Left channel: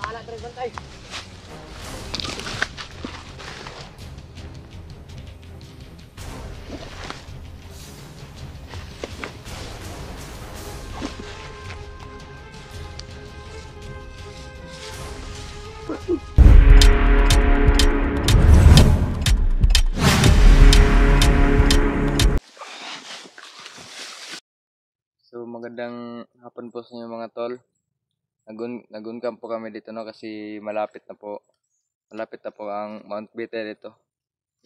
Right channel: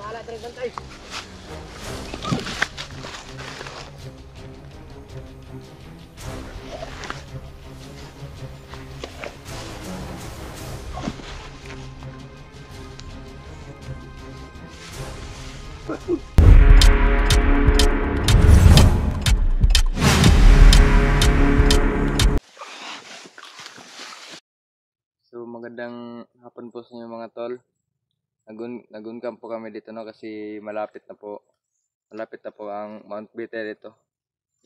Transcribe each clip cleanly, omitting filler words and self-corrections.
bahala tayo bantay. So magandang hapon po sa inyo mga tol. Naguncamp po kami dito no kasi malapit na po ang Mount Bitay dito.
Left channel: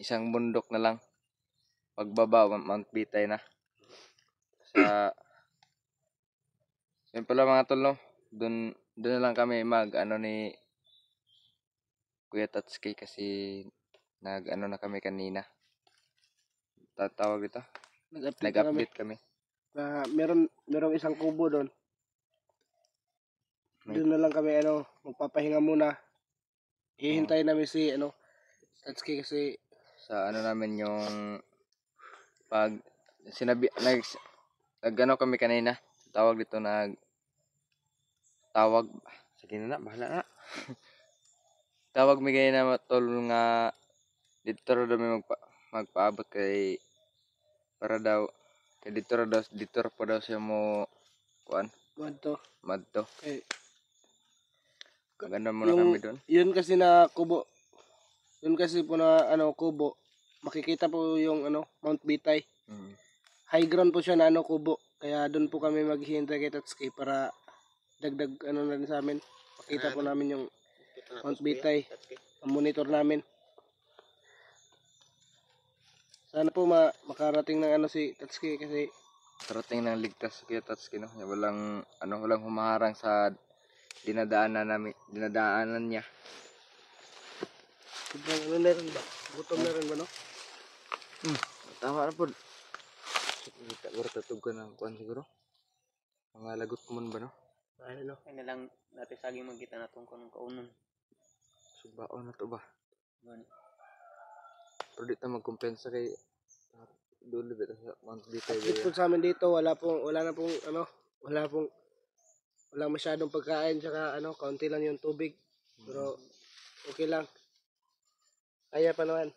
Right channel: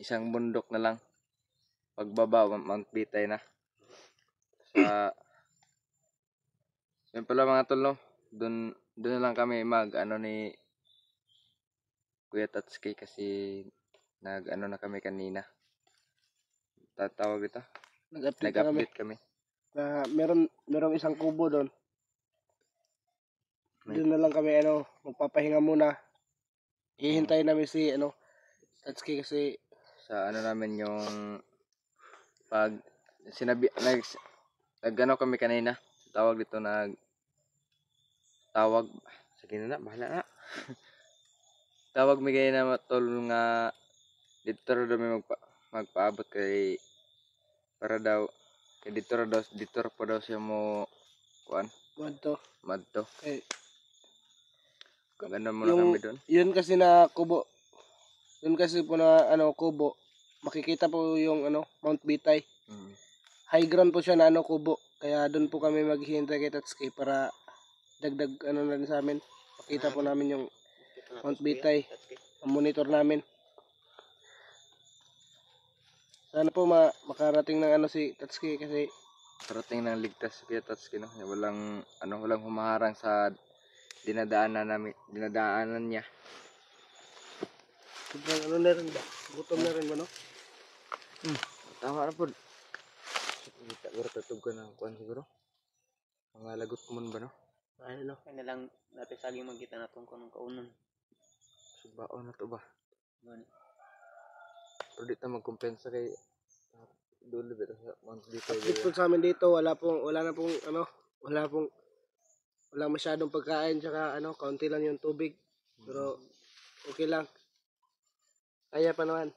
Isang bundok na lang. Pagbaba Mount Bitay na. Yun pala mga tol no. Doon na lang kami ni Kuya Tatsuki kasi na kami kanina. Tatawag ito. Nag-update kami. Na merong isang kubo doon. Doon na lang kami magpapahinga muna. Hihintayin namin si Tatsuki kasi Sa namin yung pag kami kanina. Tawag dito sige na bahala na. Tawag mi kayo na tol nga dito raw may magpaabot kay para daw dito pa daw siya mo kuan madto. Ganda muna kami doon. Yun kasi na kubo. Yun kasi po na kubo. Makikita po yung Mount Bitay. High ground po siya na kubo. Kaya doon po kami maghihintay kay Tatsuki para dagdag na rin sa amin. Makita po namin yung Mount Bitay. Ang monitor namin. Sana po makarating ng si Tatsuki kasi Karating ng ligtas kay Tatsuki no. Walang humaharang sa dinadaanan niya. sobrang na rin ba? Gutom na rin ba no? Tama na po. Kita ko tatugan ng kuan siguro. Mga lagot mo ba no? Ano na lang natin saging magkita na tungkol ng kaunon. Subaon na to ba? Gani. Pero di ta magkumpensa kay dulo bitaw sa Mount Bitay. Dito sa amin dito wala masyadong pagkain tsaka kaunti lang yung tubig. Pero okay lang. Kaya pa naman.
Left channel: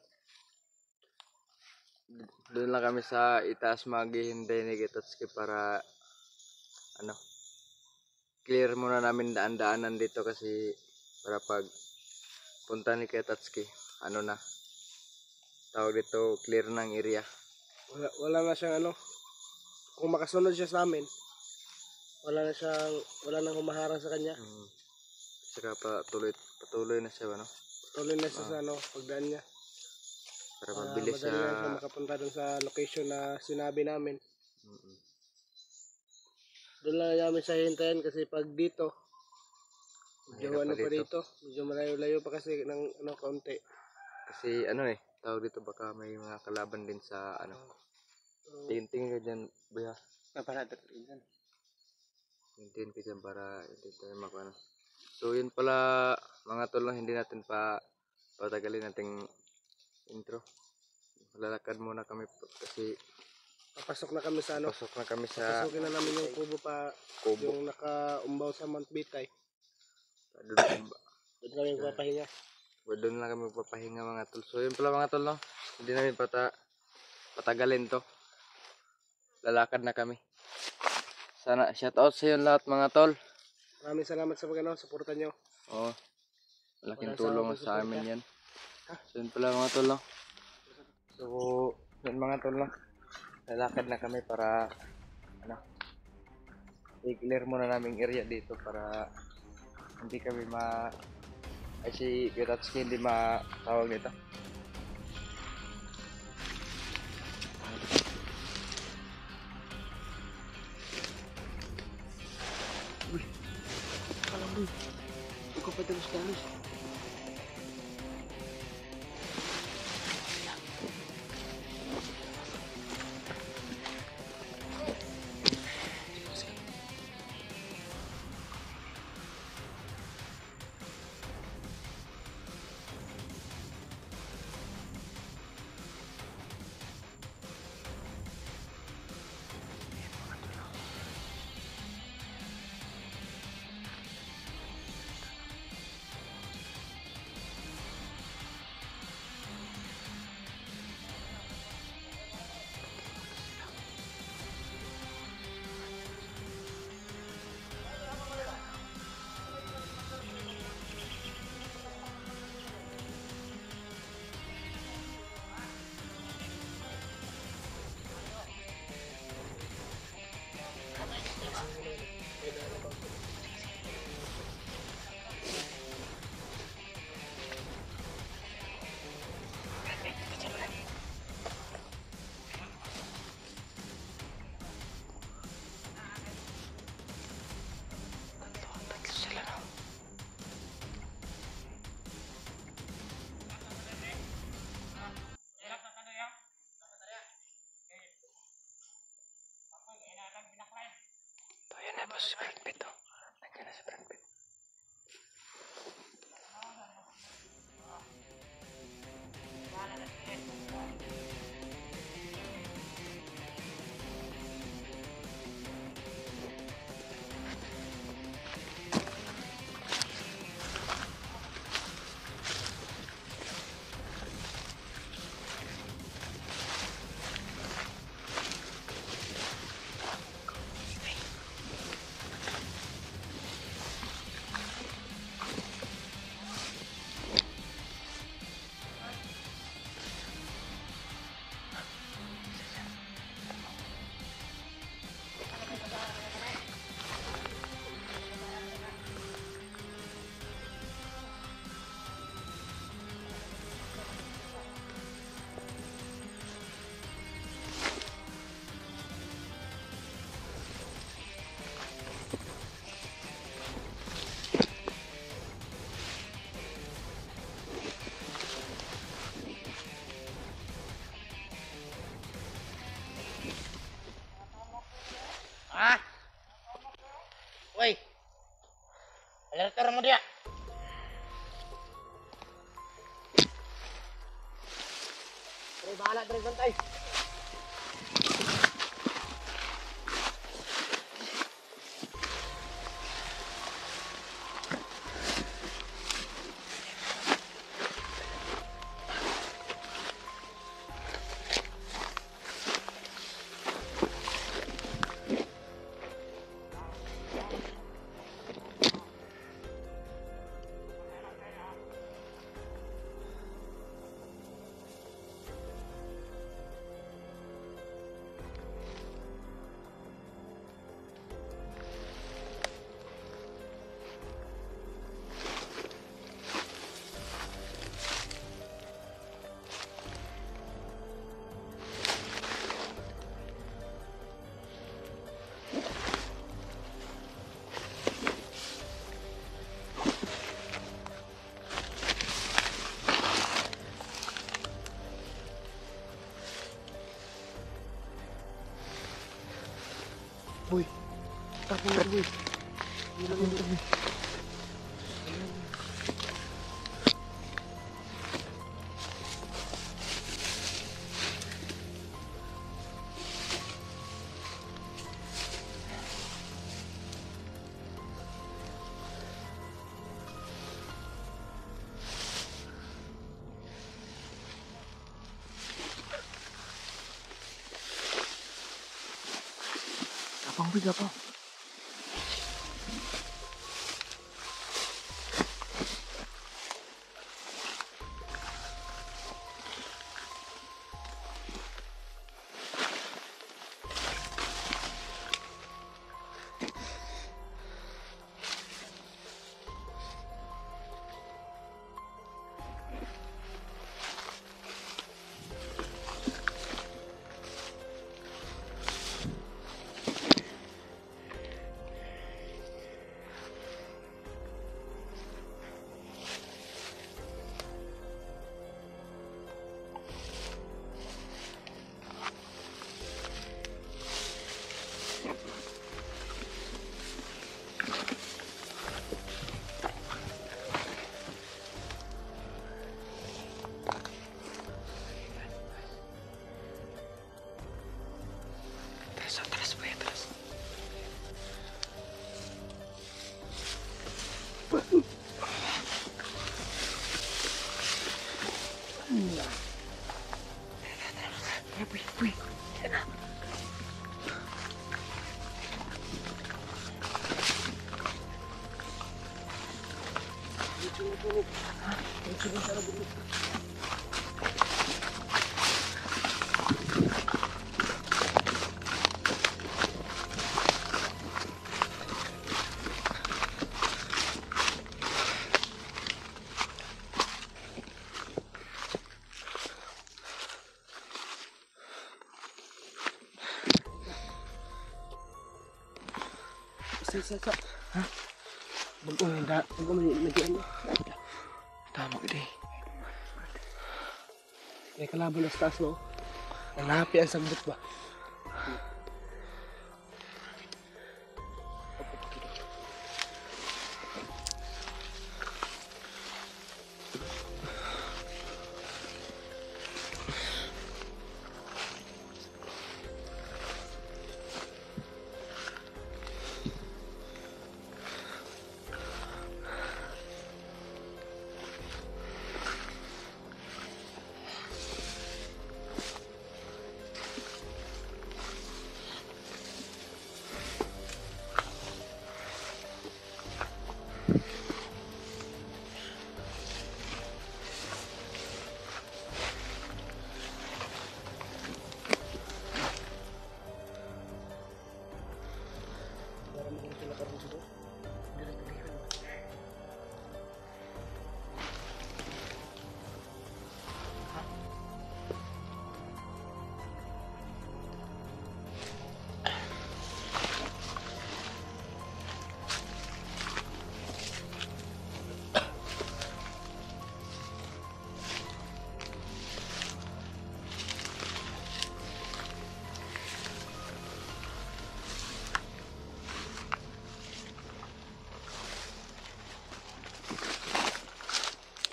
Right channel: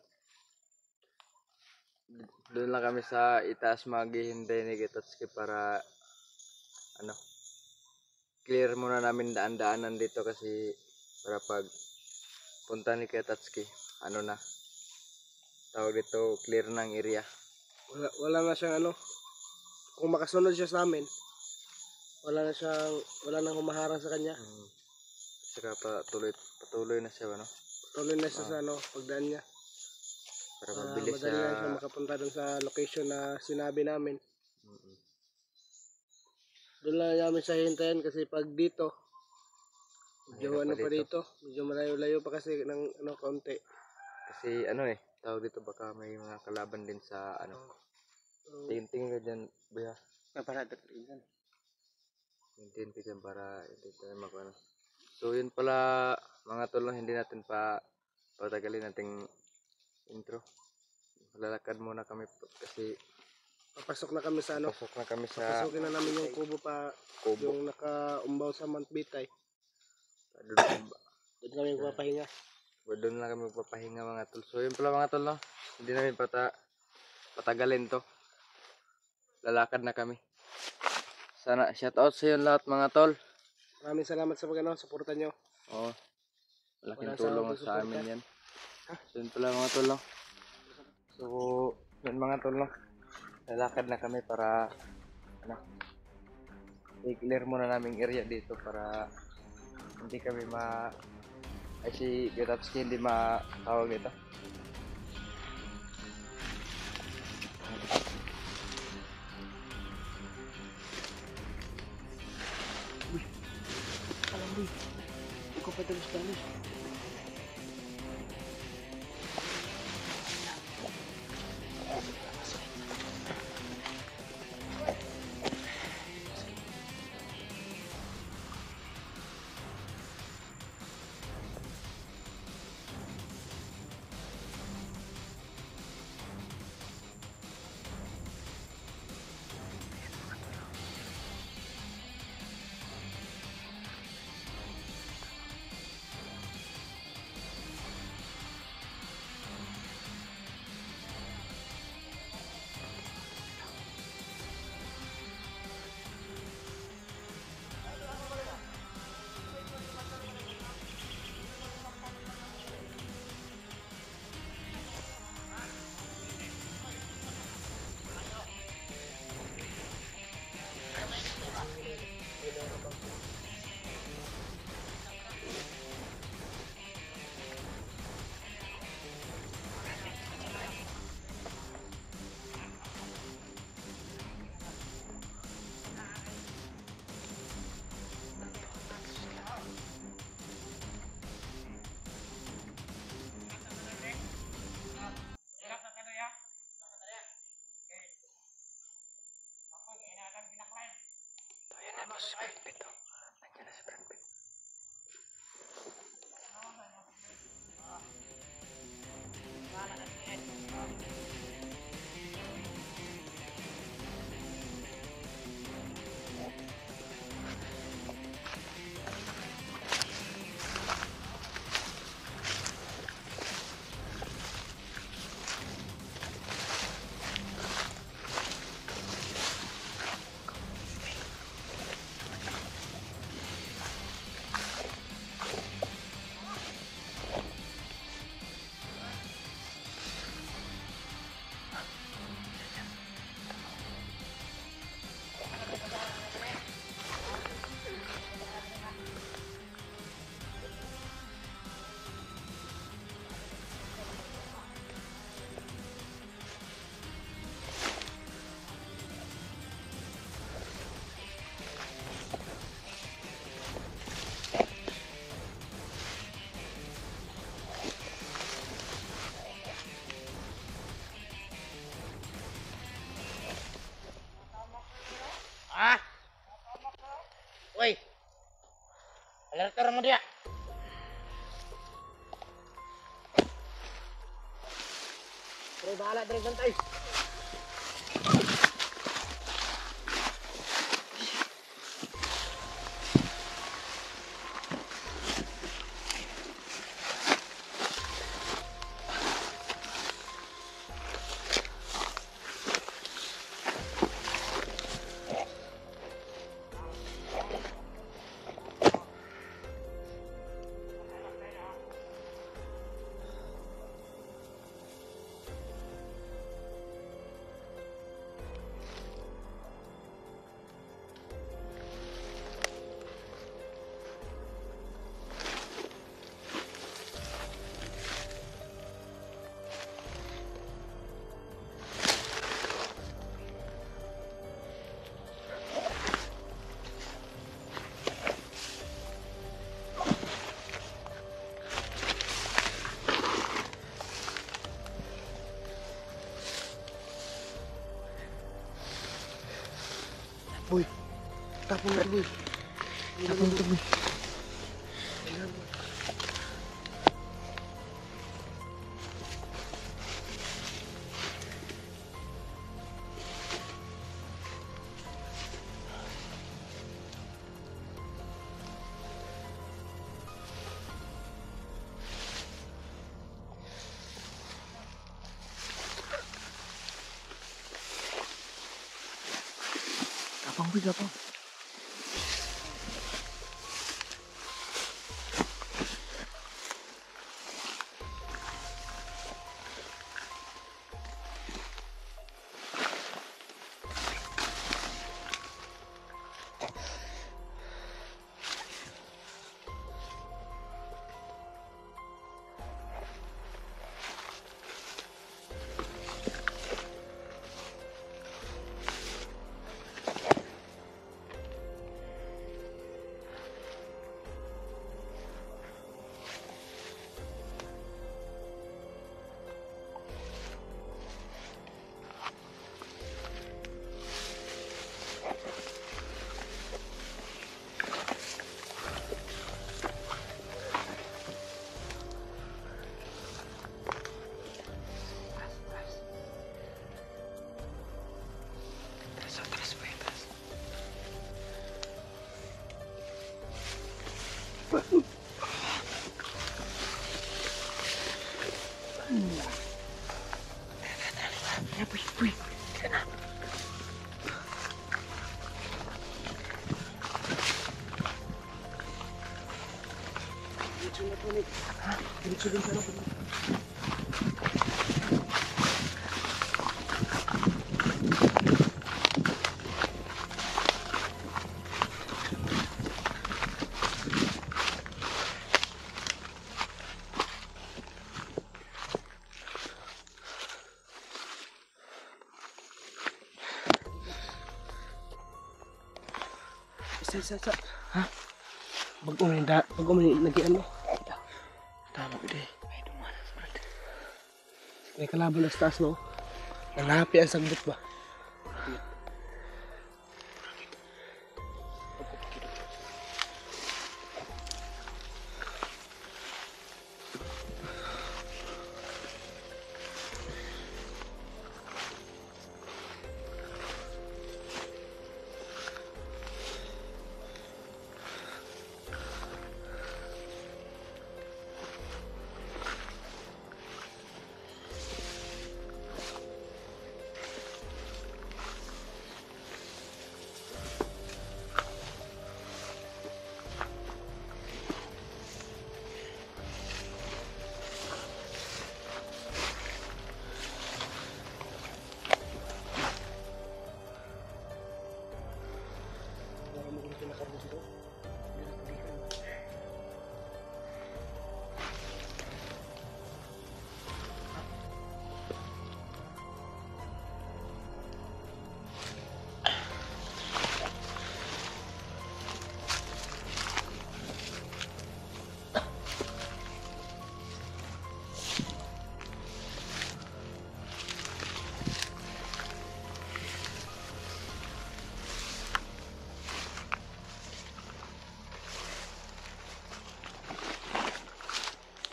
Doon lang kami sa itaas maghihintay ni Tatsuki para clear muna namin daan-daanan dito kasi para pag punta ni Tatsuki na tawag dito clear ng area. Wala na siyang kung makasunod siya sa amin wala nang humaharang sa kanya. Saka patuloy na siya Patuloy na siya sa pagdaan niya para mabilis madali na siya makapunta dun sa location na sinabi namin. Doon lang namin sa hintayin kasi pag dito medyo pa dito medyo malayo-layo pa kasi ng kaunti kasi tawag dito baka may mga kalaban din sa tingin ka dyan buya para dyan tingin ka dyan para hindi tayo so yun pala mga tol hindi natin patagalin nating intro. Lalakad muna kami kasi papasok na kami sa papasukin na namin yung kubo yung nakaumbaw sa Mount Bitay. Doon kami magpapahinga. Doon lang kami magpapahinga mga tol. So yun pala mga tol hindi namin patagalin to. Lalakad na kami. Sana shout out sa inyo lahat mga tol. Maraming salamat sa suporta nyo. Oo. Malaking tulong sa amin yan. So yun pala mga tol So yun mga tol lalakad na kami para i-clear muna namin area dito para hindi kami si Tatsuki hindi matawag nito. Uy, kalamboy. Ikaw pa talos-talos. Ah. Woi. Alerter mo dia. Dari bahala dari santai. Boy, tapon na boy. Tapon na boy. Gapang boy, gapang. Sa. Ha? Bago may nagian mo. Tama gede. May kalaban na sa taas mo. Malapi ang sagbot ba? gusto. Hindi na pilihan ba?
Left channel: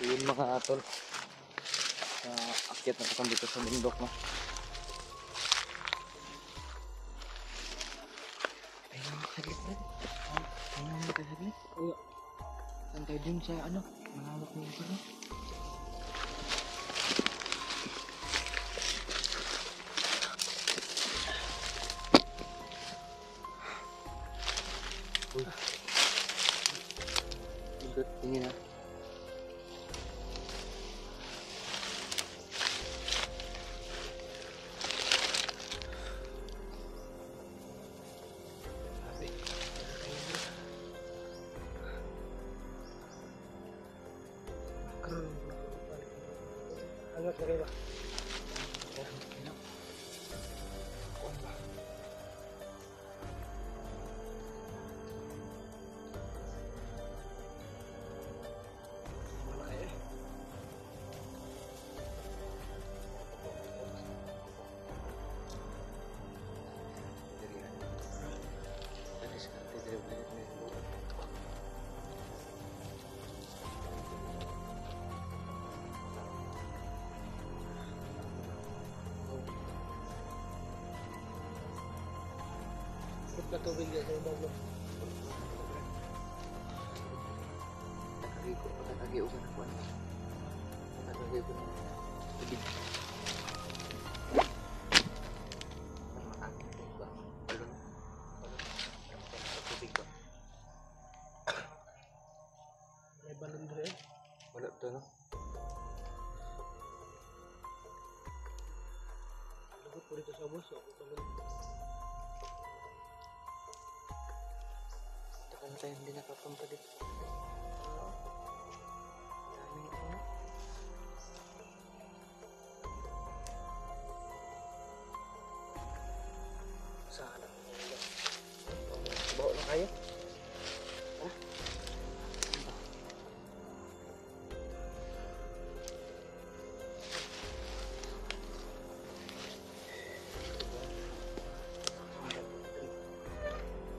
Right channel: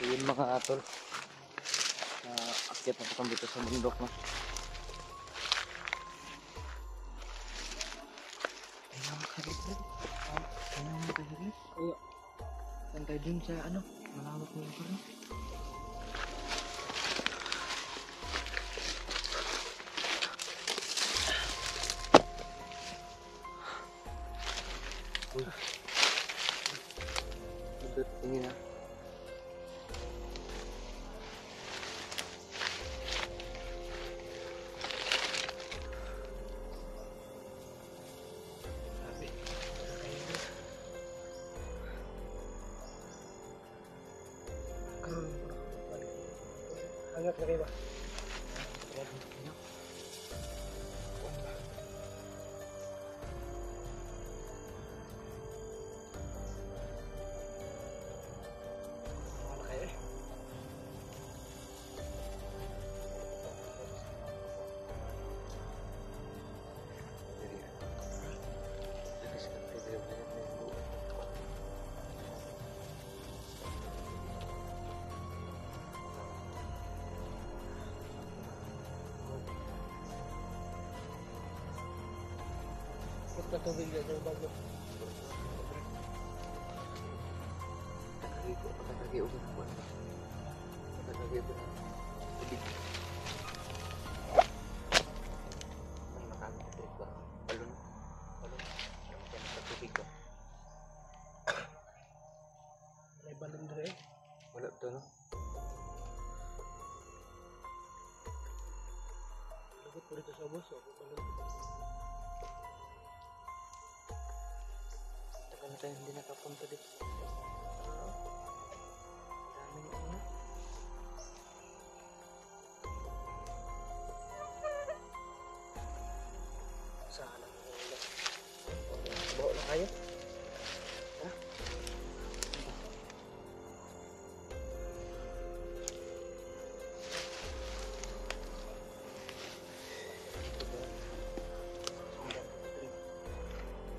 Yun mga tol. Akyat na po kami dito sa bundok na. Ayun naman saglit rin. Ayun naman tayo saglit. Saan tayo dun sa ano? Malawak na yung ano? Uy. Tingin na. Hangat na kayo ba? Mana kayo eh? Dari ano? Dari seperti dari banyak minggu. Ikot na tubig dyan sa bag mo. Pagkatagi usan ako ano. Pagkatagi ko ng tubig. May makakatag ba? Balon. Balon. Para makain ng tubig ba? May balon dre eh. Wala to no? Lagot po dito sa bus. May balon. Taka na tayo hindi nakapunta dito. Daming ano. Sana. Bawa na kayo. Ha?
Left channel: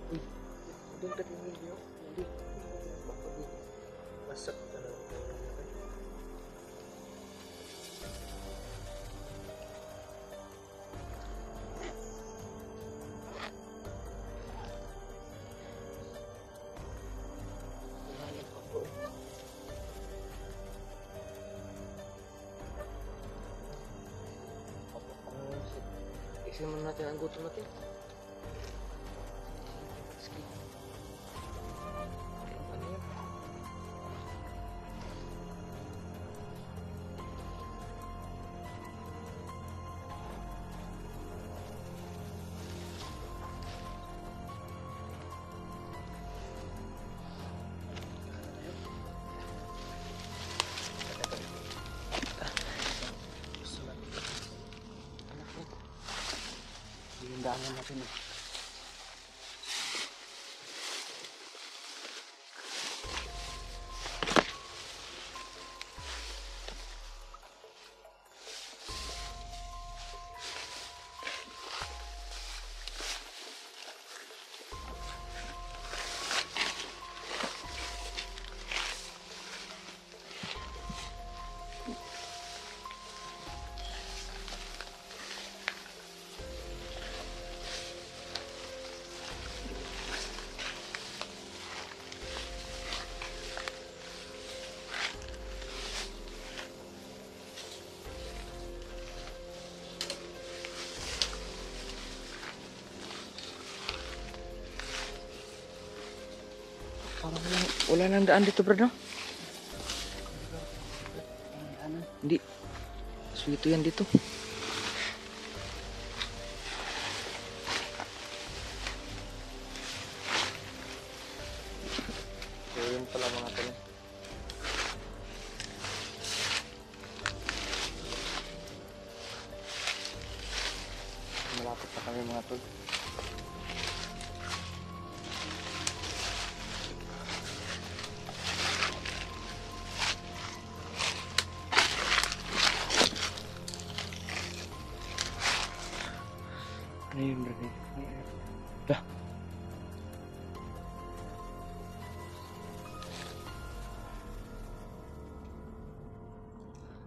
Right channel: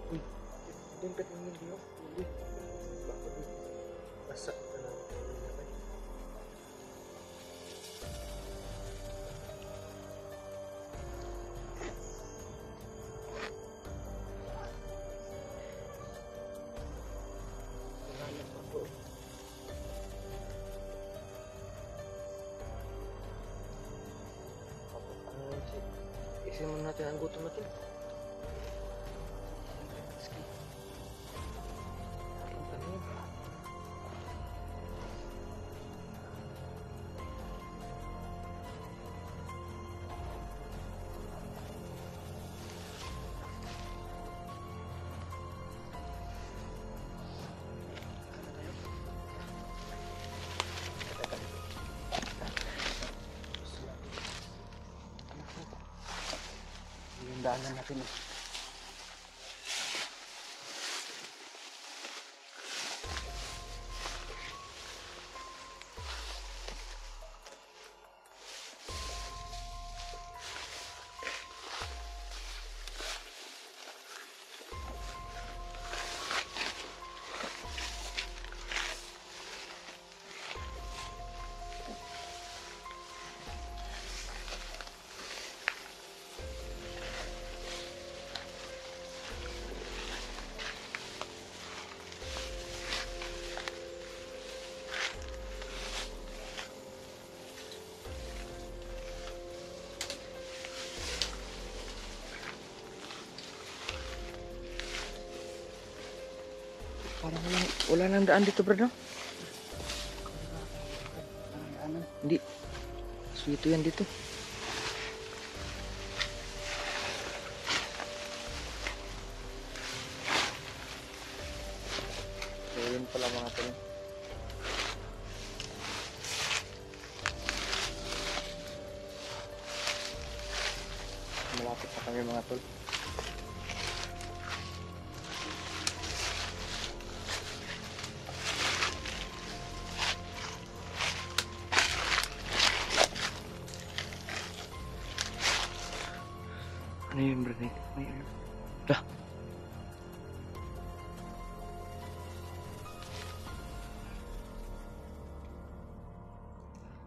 Uy, doon ka tingin diyo. Hindi. Baka dito. Basta ka na tayo na kayo. Naghanap ako eh. Isin muna natin ang gutom natin. Sige. Ano yan? Hindahan natin eh. Parang wala nang daan dito, bro, no? Hindi. Suwito yan dito. So, yun pala mga tol. Malapit na kami mga tol. Ano yun bro? May ano? Dah.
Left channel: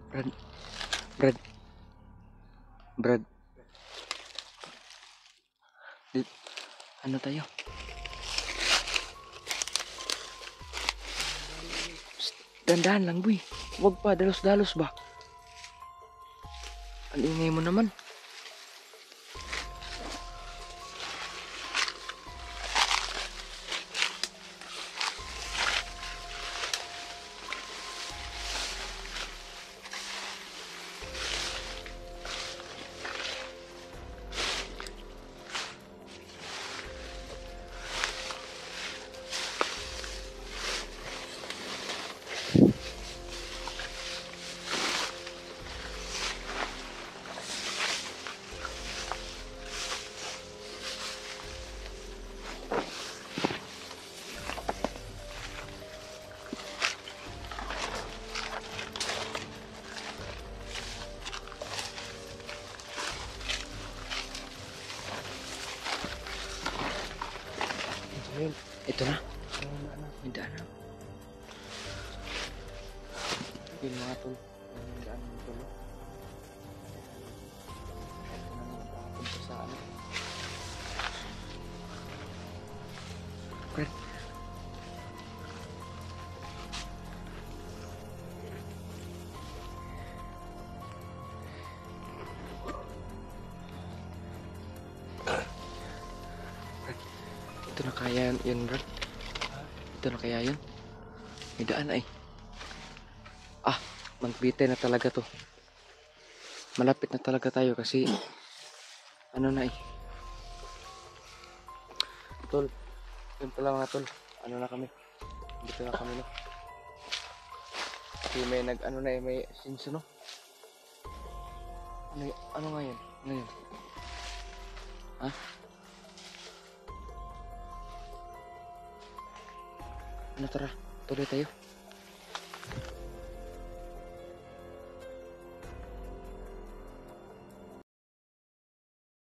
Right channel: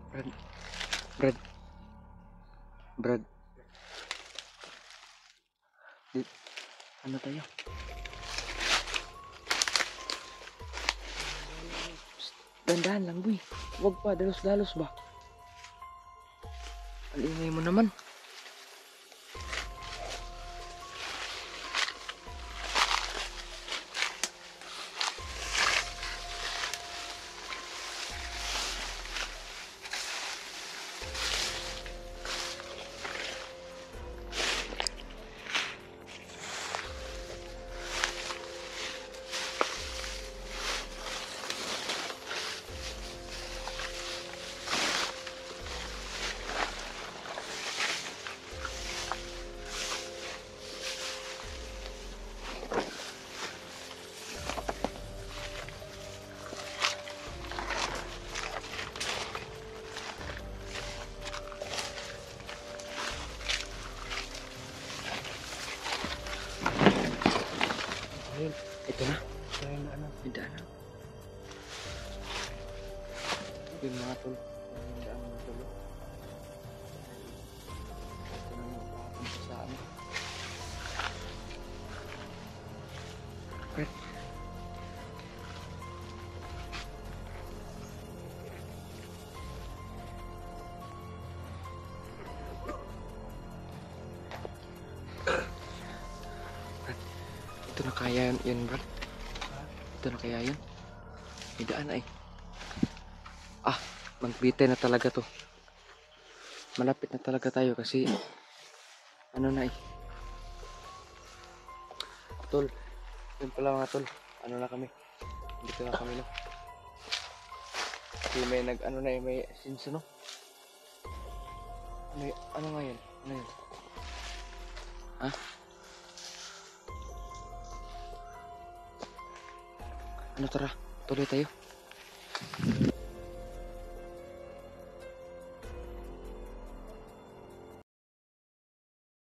Brad. Brad. Brad. Ano tayo? Psst, dandahan lang boy. Huwag pa, dalos-dalos ba? Ang ingay mo naman. Ayun, ito na. May daan na. Yun mga tol. Yung daan ng tol. Ito na yung papunta sa ano. Brad. Ito na kaya yun, Brad. Ito na kaya yun. May daan ay. Ah, magbitay na talaga to. Malapit na talaga tayo kasi ano na eh. Tol, yun pala mga tol. Ano na kami. Dito na kami no. Kasi may ano na eh, may sinso no. Ano nga yun? Ano yun? Ha? Ano tara, tuloy tayo.